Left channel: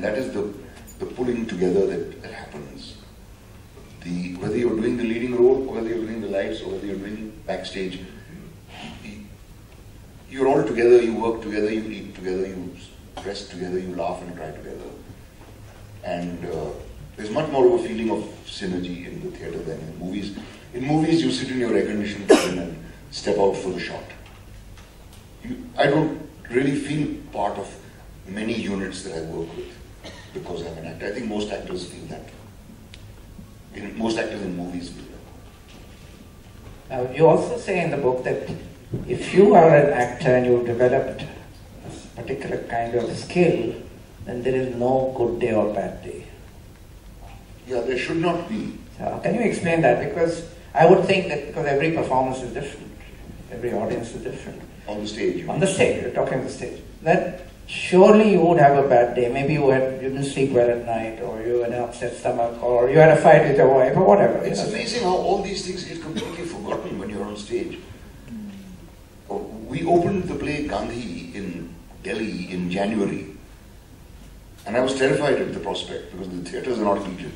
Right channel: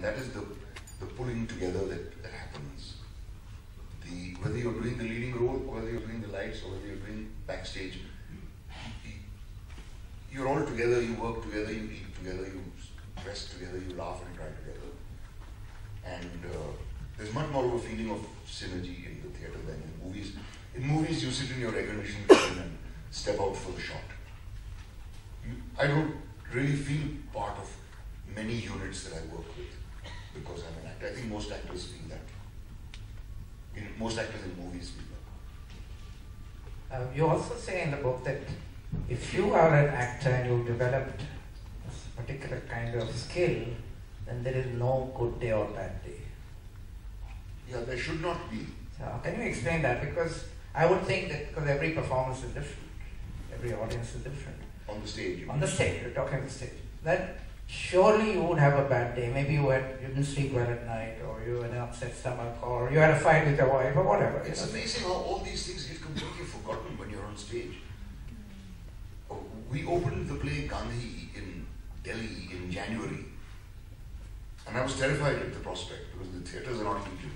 And that is the pulling together that happens. Whether you're doing the leading role, or whether you're doing the lights, or whether you're doing backstage, you're all together, you work together, you eat together, you dress together, you laugh and cry together. And there's much more of a feeling of synergy in the theatre than in movies. In movies, you sit in your air-conditioned cabin and step out for the shot. I don't really feel part of many units that I work with because I'm an actor. I think most actors feel that. Most actors in movies feel that. You also say in the book that if you are an actor and you've developed a particular kind of skill, then there is no good day or bad day. Yeah, there should not be. So can you explain that? Because I would think that because every performance is different, every audience is different. On the stage? On the stage, you're talking the stage. That surely you would have a bad day. Maybe you didn't sleep well at night, or you had an upset stomach, or you had a fight with your wife, or whatever. It's amazing how all these things get completely forgotten when you're on stage. We opened the play Gandhi in Delhi in January, and I was terrified at the prospect because the theatres are not heated.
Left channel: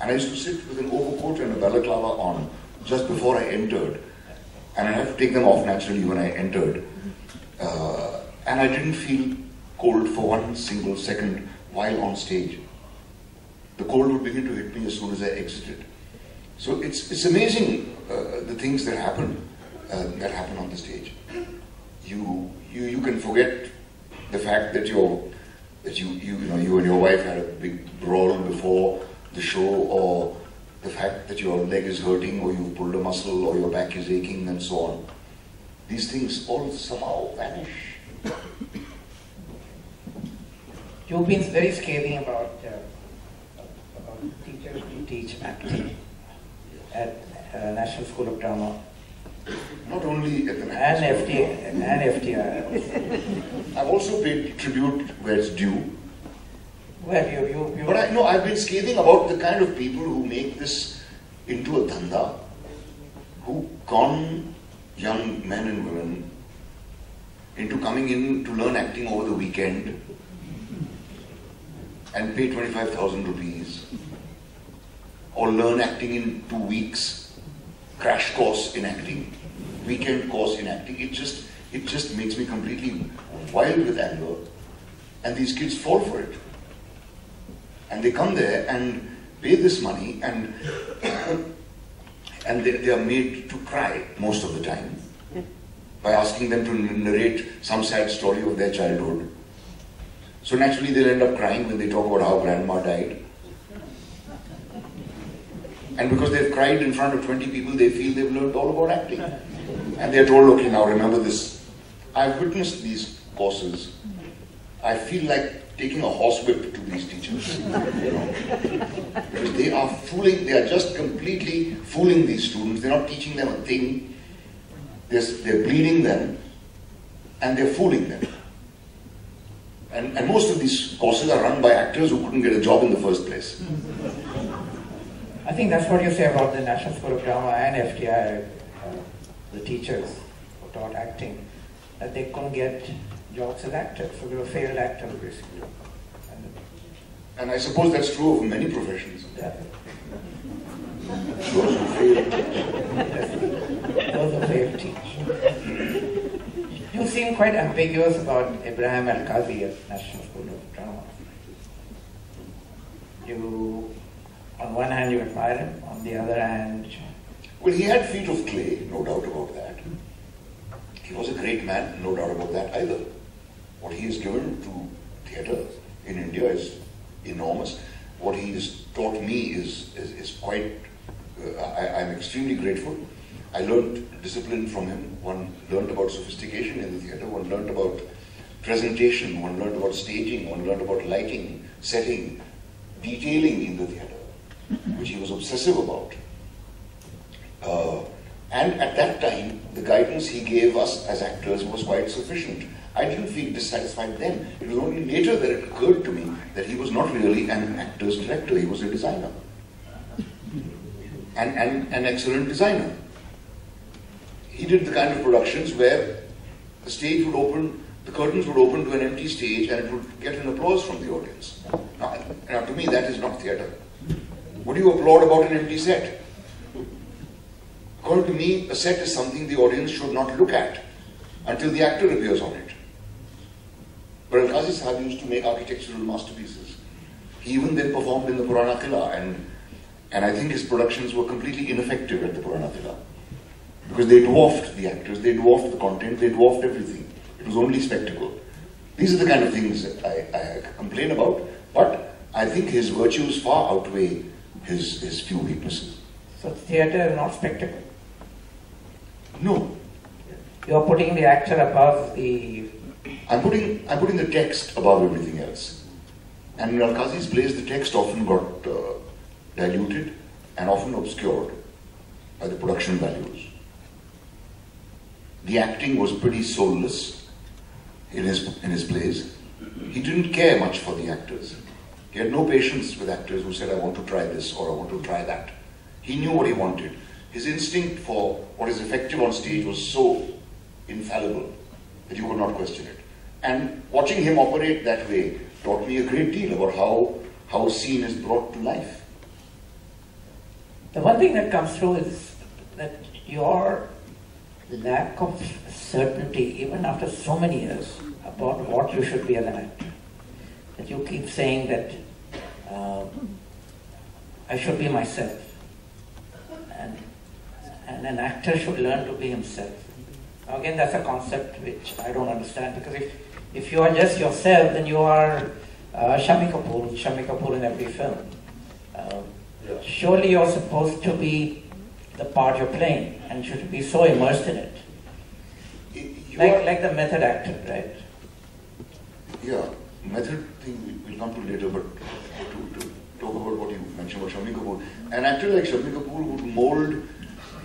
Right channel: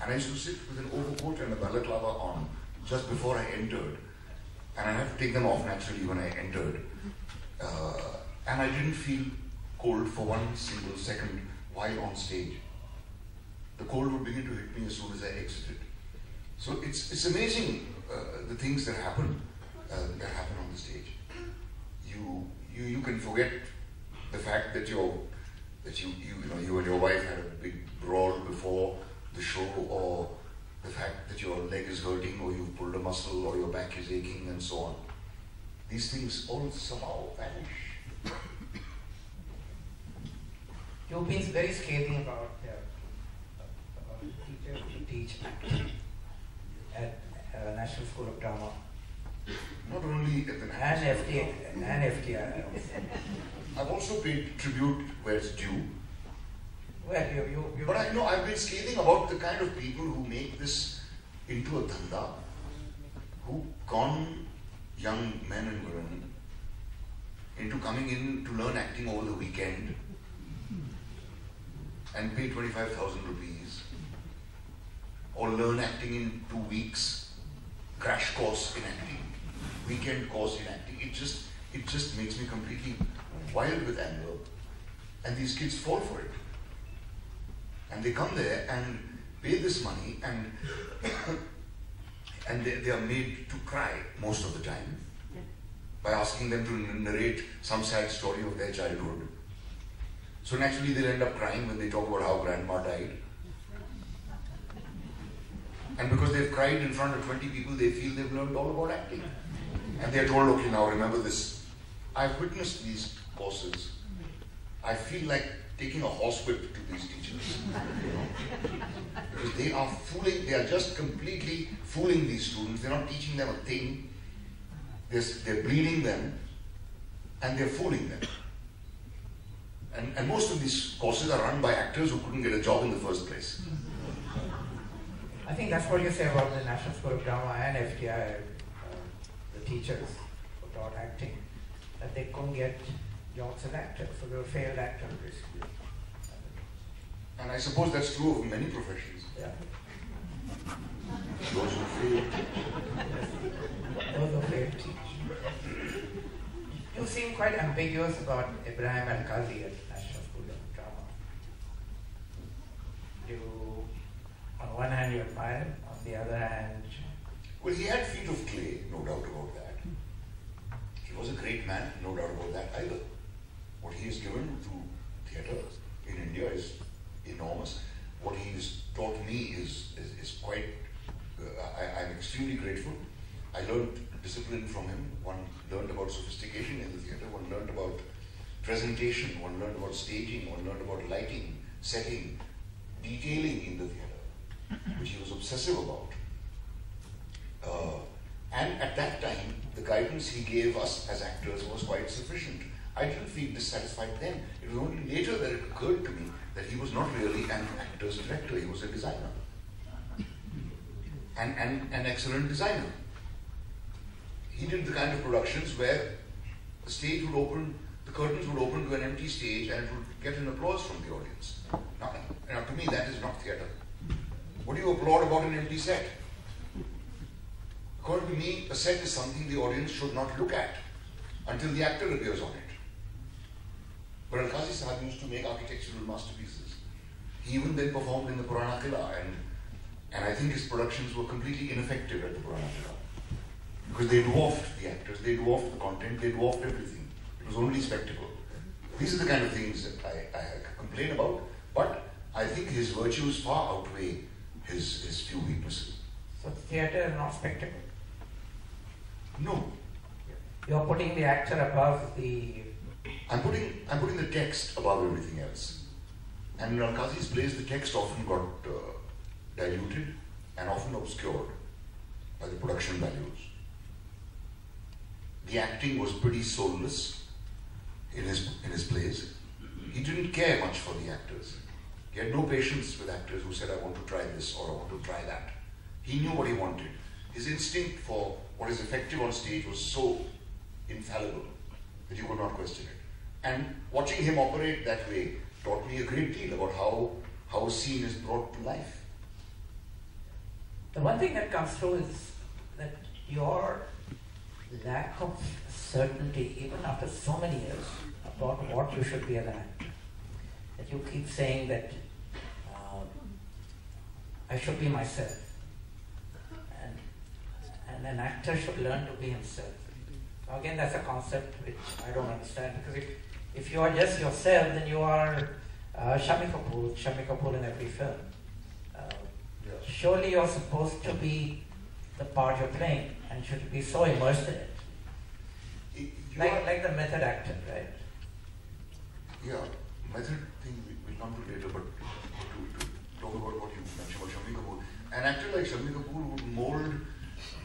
And I used to sit with an overcoat and a balaclava on just before I entered, and I had to take them off naturally when I entered. And I didn't feel cold for one single second while on stage. The cold would begin to hit me as soon as I exited. So it's amazing the things that happen on the stage. You can forget the fact that you and your wife had a big brawl before the show, or the fact that your leg is hurting, or you pulled a muscle, or your back is aching, and so on. These things all somehow vanish. You've been very scathing about teachers who teach acting at National School of Drama. Not only at the National School of Drama. And FTI. I've also paid tribute where it's due. Well, But I've been scathing about the kind of people who make this into a dhanda, who con young men and women into coming in to learn acting over the weekend and pay 25,000 rupees, or learn acting in 2 weeks, crash course in acting, weekend course in acting. It just makes me completely wild with anger, and these kids fall for it. And they come there and pay this money, and they are made to cry most of the time by asking them to narrate some sad story of their childhood. So naturally they'll end up crying when they talk about how grandma died. And because they've cried in front of 20 people, they feel they've learned all about acting. And they're told, okay, now remember this. I've witnessed these courses. I feel like taking a horsewhip to these teachers. Because they are just completely fooling these students. They're not teaching them a thing. They're bleeding them, and they're fooling them. And most of these courses are run by actors who couldn't get a job in the first place. I think that's what you say about the National School of Drama and FTI, the teachers who taught acting, that they couldn't get jobs as actors, so they were failed actors basically. And I suppose that's true of many professions. Yeah. Those who fail. Those who fail teach. You seem quite ambiguous about Ibrahim Al-Qazi at National School of Drama. You, on one hand, you admire him, on the other hand... Well, he had feet of clay, no doubt about that. He was a great man, no doubt about that either. What he has given to theatre in India is enormous. What he has taught me is quite... I'm extremely grateful. I learned discipline from him. One learned about sophistication in the theatre, one learned about presentation, one learned about staging, one learned about lighting, setting, detailing in the theatre, which he was obsessive about. And at that time, the guidance he gave us as actors was quite sufficient. I didn't feel dissatisfied then. It was only later that it occurred to me that he was not really an actor's director, he was a designer. And an excellent designer. He did the kind of productions where the stage would open the curtains would open to an empty stage and it would get an applause from the audience. Now to me, that is not theatre. What do you applaud about an empty set? According to me, a set is something the audience should not look at until the actor appears on it. But Al-Qazi Sahib used to make architectural masterpieces. He even then performed in the Purana Qila, and I think his productions were completely ineffective at the Purana Qila. Because they dwarfed the actors, they dwarfed the content, they dwarfed everything. It was only spectacle. These are the kind of things that I complain about, but I think his virtues far outweigh his few weaknesses. So theatre is not spectacle? No. You're putting the actor above the... I'm putting the text above everything else. And in Al-Qazi's plays, the text often got diluted and often obscured by the production values. The acting was pretty soulless in his plays. He didn't care much for the actors. He had no patience with actors who said, I want to try this or I want to try that. He knew what he wanted. His instinct for what is effective on stage was so infallible that you could not question it. And watching him operate that way taught me a great deal about how a scene is brought to life. The one thing that comes through is that your lack of certainty, even after so many years, about what you should be as an actor. That you keep saying that I should be myself. And an actor should learn to be himself. Now again, that's a concept which I don't understand, because if you are just yourself, then you are Shami Kapoor in every film. Surely you're supposed to be the part you're playing and should be so immersed in it. Like the method actor, right? Yeah, method thing we'll come to later, but to talk about what you mentioned about Shami Kapoor. An actor like Shami Kapoor would mold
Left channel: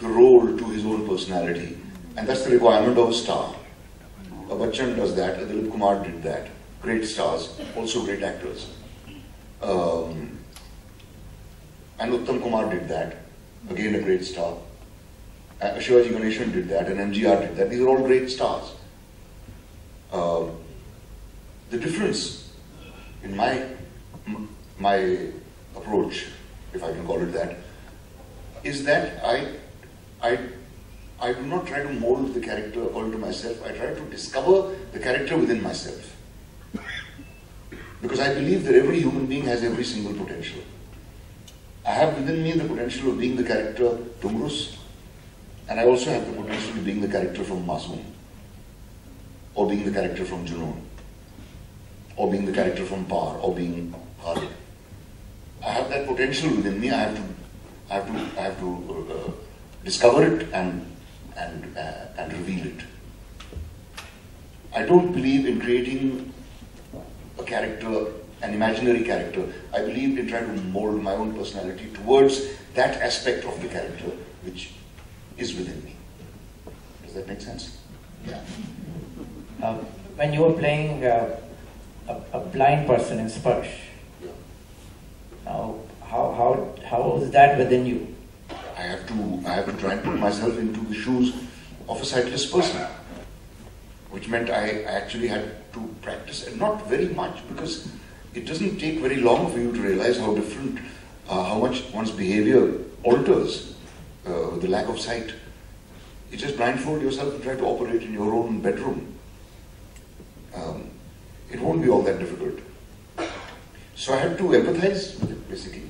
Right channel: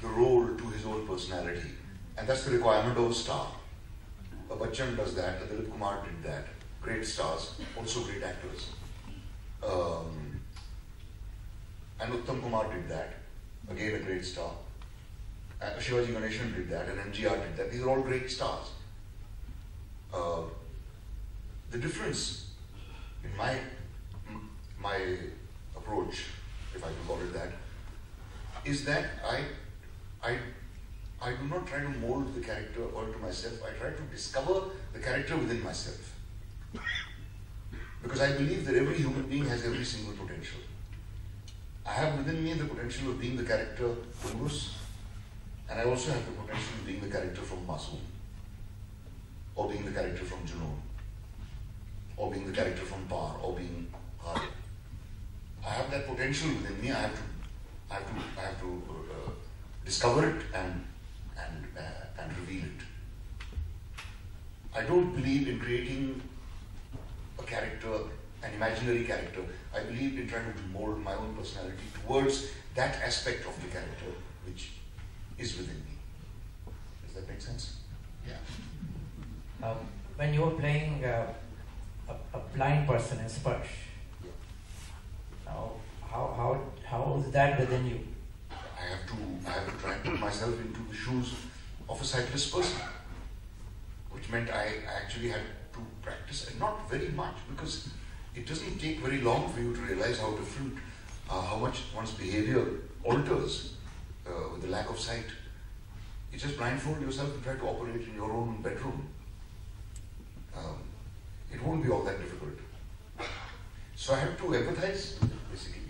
the role to his own personality, and that's the requirement of a star. Bachchan does that, Dilip Kumar did that. Great stars, also great actors. And Uttam Kumar did that, again a great star. Shivaji Ganeshan did that, and MGR did that. These are all great stars. The difference in my approach, if I can call it that, is that I do not try to mold the character according to myself. I try to discover the character within myself. Because I believe that every human being has every single potential. I have within me the potential of being the character Tumrus, and I also have the potential of being the character from Masoom, or being the character from Junoon, or being the character from Par, or being Khalid. I have that potential within me. I have to discover it and reveal it. I don't believe in creating a character, an imaginary character. I believe in trying to mold my own personality towards that aspect of the character which is within me. Does that make sense? Yeah. When you were playing a blind person in Sparsh, now how is that within you? I have to try and put myself into the shoes of a sightless person, which meant I actually had to practice, and not very much, because it doesn't take very long for you to realize how different, how much one's behavior alters with the lack of sight. You just blindfold yourself and try to operate in your own bedroom. It won't be all that difficult. So I had to empathize with it, basically.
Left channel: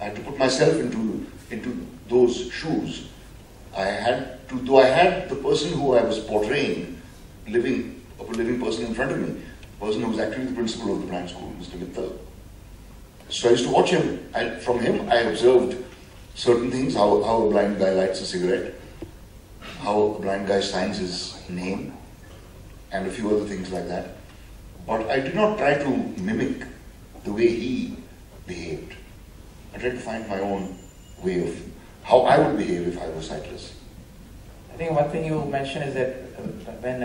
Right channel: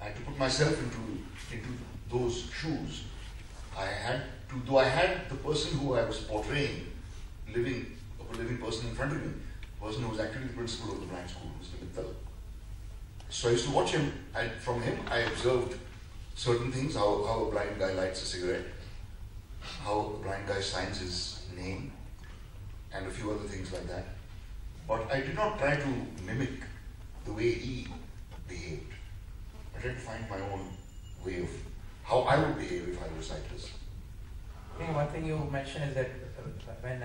I had to put myself into those shoes. I had to, though I had the person who I was portraying, a living person in front of me, a person who was actually the principal of the blind school, Mr. Mittal. So I used to watch him. From him, I observed certain things, how a blind guy lights a cigarette, how a blind guy signs his name, and a few other things like that. But I did not try to mimic the way he behaved. I tried to find my own way of how I would behave if I was sightless. I think one thing you mentioned is that when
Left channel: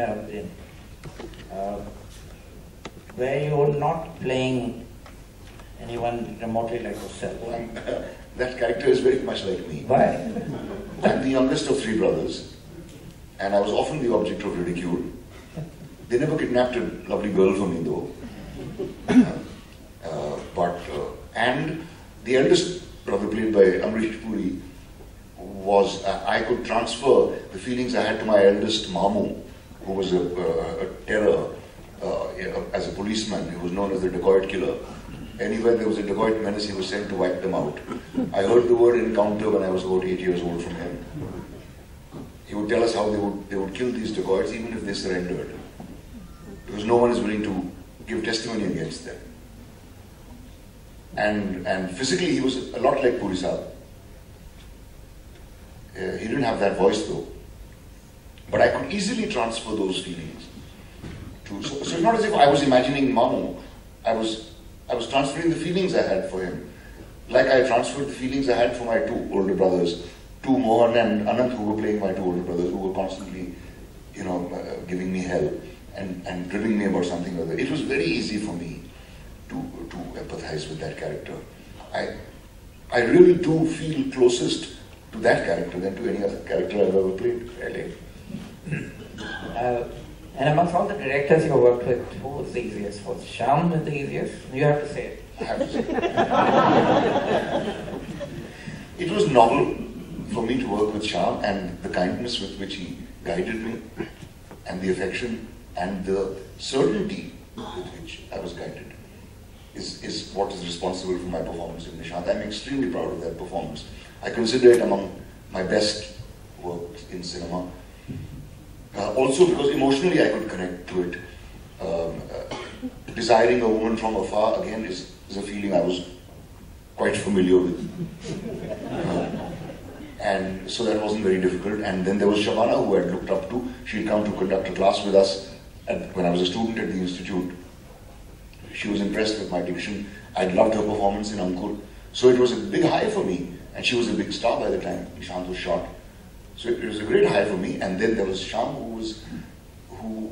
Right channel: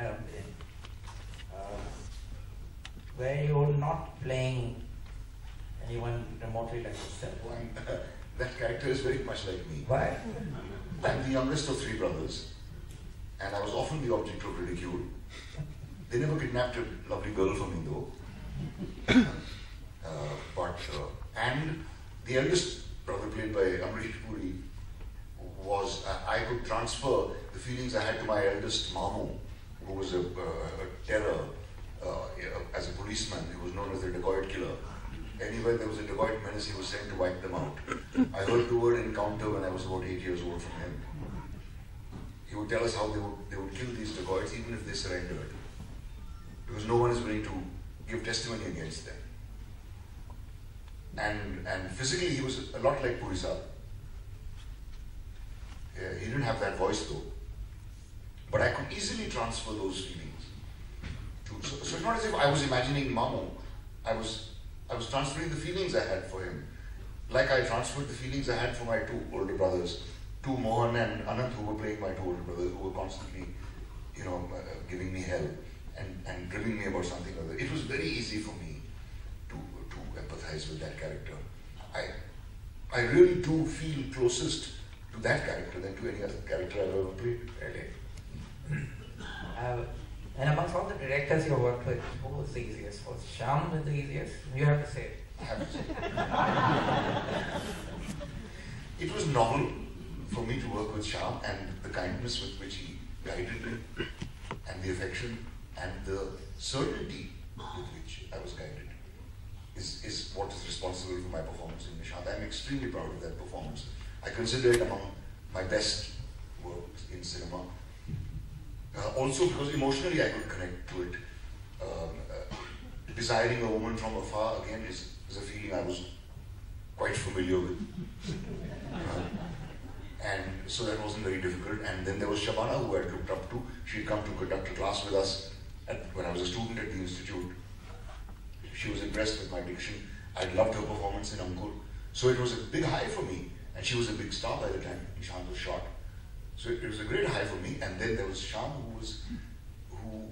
where you're not playing anyone remotely like yourself. That character is very much like me. Why? I'm the youngest of three brothers, and I was often the object of ridicule. They never kidnapped a lovely girl for me though. And the eldest brother, played by Amrish Puri, was, I could transfer the feelings I had to my eldest Mamu, who was a terror as a policeman. He was known as the dacoit killer. Anywhere there was a dacoit menace, he was sent to wipe them out. I heard the word encounter when I was about 8 years old from him. He would tell us how they would kill these dacoits even if they surrendered, because no one is willing to give testimony against them. And physically he was a lot like Puri Saab. He didn't have that voice though. But I could easily transfer those feelings. So it's not as if I was imagining Mamu. I was transferring the feelings I had for him. Like I transferred the feelings I had for my two older brothers, two Mohan and Anant, who were playing my two older brothers, who were constantly, giving me hell and dribbling me about something or other. It was very easy for me to empathize with that character. I really do feel closest to that character than to any other character I've ever played, really. And amongst all the directors you worked with, who was the easiest? Was Shyam the easiest? You have to say it. I have to say it. It was novel for me to work with Shah, and the kindness with which he guided me, and the affection and the certainty with which I was guided is what is responsible for my performance in Nishant. I'm extremely proud of that performance. I consider it among my best works in cinema. Also because emotionally I could connect to it. Desiring a woman from afar, again, is a feeling I was quite familiar with. And so that wasn't very difficult. And then there was Shabana, who I had looked up to. She had come to conduct a class with us when I was a student at the institute. She was impressed with my diction. I'd loved her performance in Ankur. So it was a big high for me. And she was a big star by the time Nishant was shot. So it was a great high for me. And then there was Shyam, who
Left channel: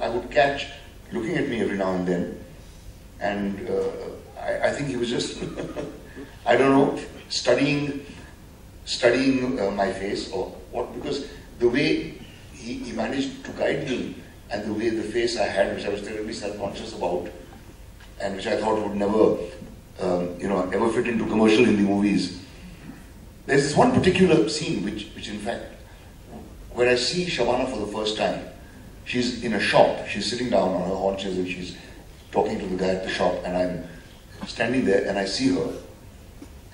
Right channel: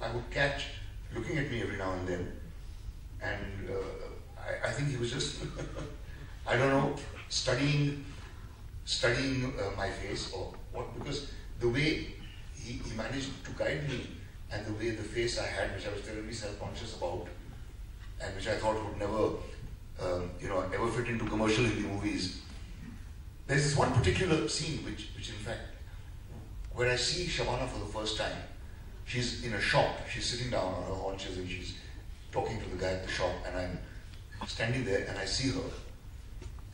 I would catch looking at me every now and then. And I think he was just, I don't know, studying my face or what, because the way he managed to guide me and the way the face I had, which I was terribly self-conscious about, and which I thought would never, ever fit into commercial Hindi movies. There's this one particular scene which in fact, when I see Shabana for the first time, she's in a shop, she's sitting down on her haunches and she's talking to the guy at the shop, and I'm standing there and I see her,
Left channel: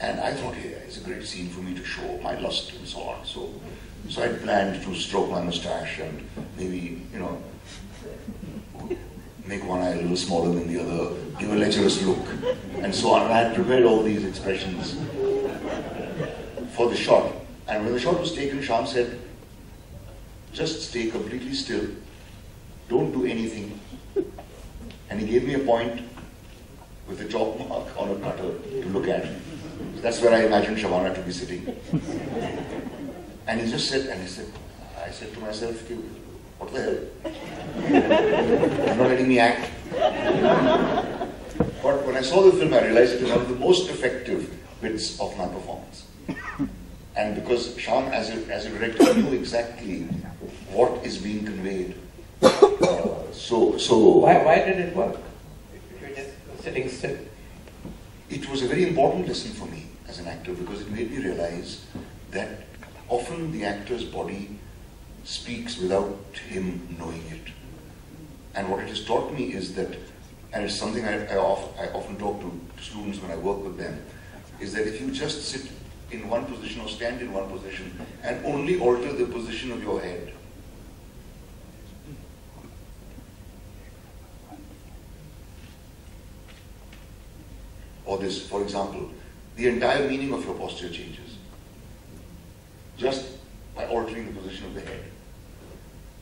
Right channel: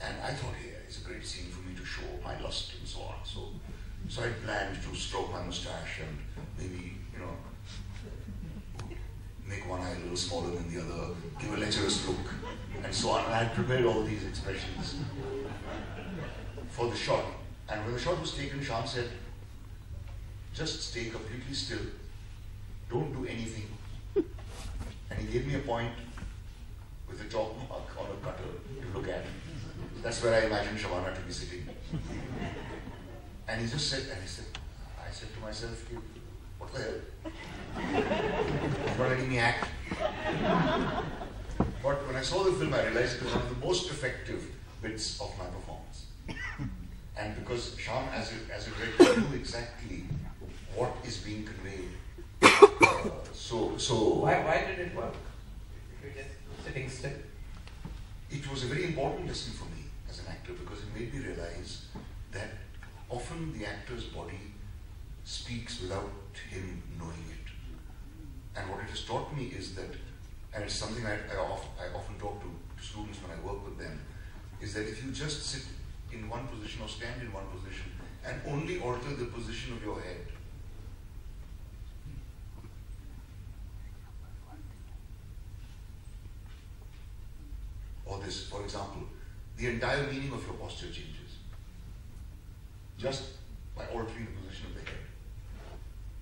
and I thought, hey, it's a great scene for me to show my lust and so on. So I planned to stroke my mustache and maybe, make one eye a little smaller than the other, give a lecherous look, and so on. And I had prepared all these expressions for the shot. And when the shot was taken, Shyam said, just stay completely still, don't do anything. And he gave me a point with a chalk mark on a cutter to look at. That's where I imagined Shabana to be sitting. And he just said, I said to myself, what the hell? You're not letting me act. But when I saw the film, I realized it was one of the most effective bits of my performance. And because Shyam, as a director, knew exactly what is being conveyed. Why did it work? If you're just sitting still. It was a very important lesson for me as an actor, because it made me realize that often the actor's body speaks without him knowing it. And what it has taught me is that, and it's something I often talk to students when I work with them, is that if you just sit in one position or stand in one position and only alter the position of your head, or this, for example, the entire meaning of your posture changes just by altering the position of the head.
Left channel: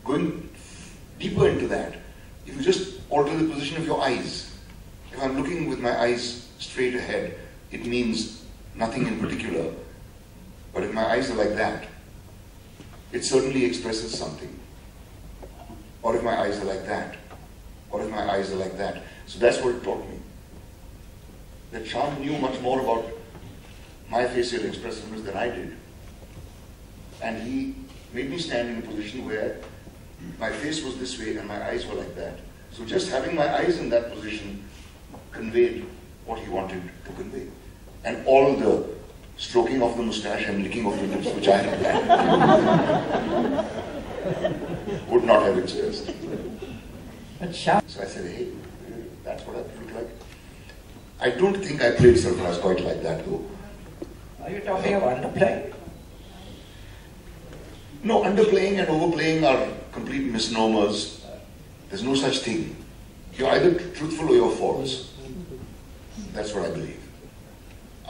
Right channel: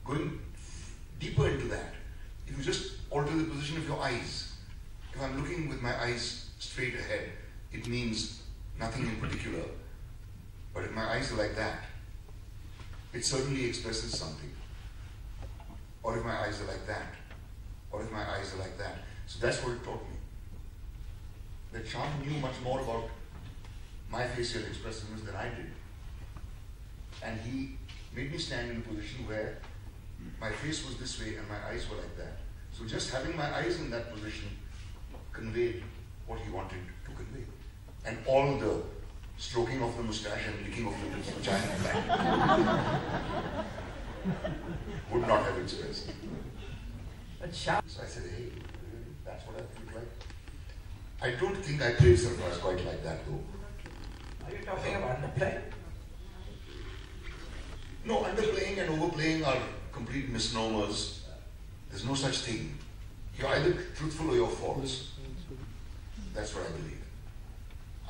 Going deeper into that, if you just alter the position of your eyes, if I'm looking with my eyes straight ahead, it means nothing in particular. But if my eyes are like that, it certainly expresses something. Or if my eyes are like that, or if my eyes are like that. So that's what it taught me. That Shyam knew much more about my facial expressiveness than I did. And he made me stand in a position where my face was this way and my eyes were like that. So just having my eyes in that position conveyed what he wanted to convey. And all the stroking of the mustache and licking of the lips, which I had planned, would not have expressed. But Shah. So I said, hey, that's what I look like. I don't think I played Sarfaraz quite like that though. Are you talking of underplaying? No, underplaying and overplaying are complete misnomers. There's no such thing. You're either truthful or you're false. That's what I believe.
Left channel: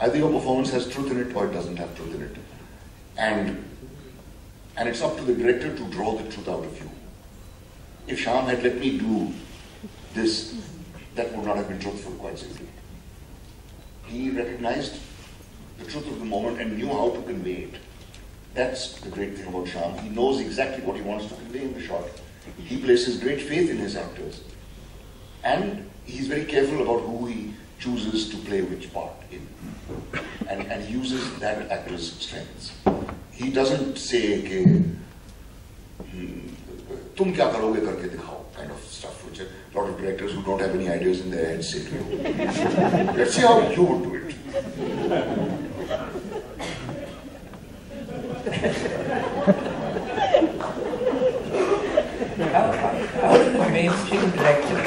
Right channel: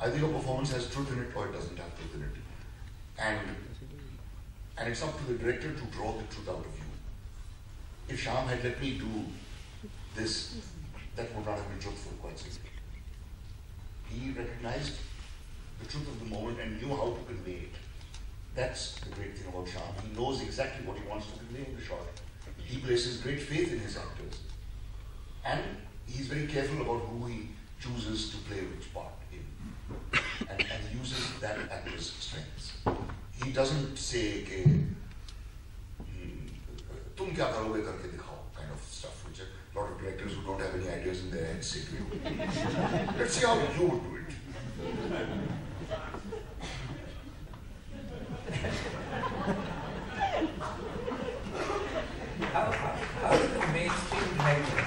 Either your performance has truth in it or it doesn't have truth in it. And it's up to the director to draw the truth out of you. If Shyam had let me do this, that would not have been truthful, quite simply. He recognized the truth of the moment and knew how to convey it. That's the great thing about Shyam. He knows exactly what he wants to convey in the shot. He places great faith in his actors. And he's very careful about who he chooses to play which part in. And uses that actor's strengths. He doesn't say, tum kya karoge karke dikhao, kind of stuff, which a lot of directors who don't have any ideas in their heads say to you. Let's see how you would do it. How do the mainstream directors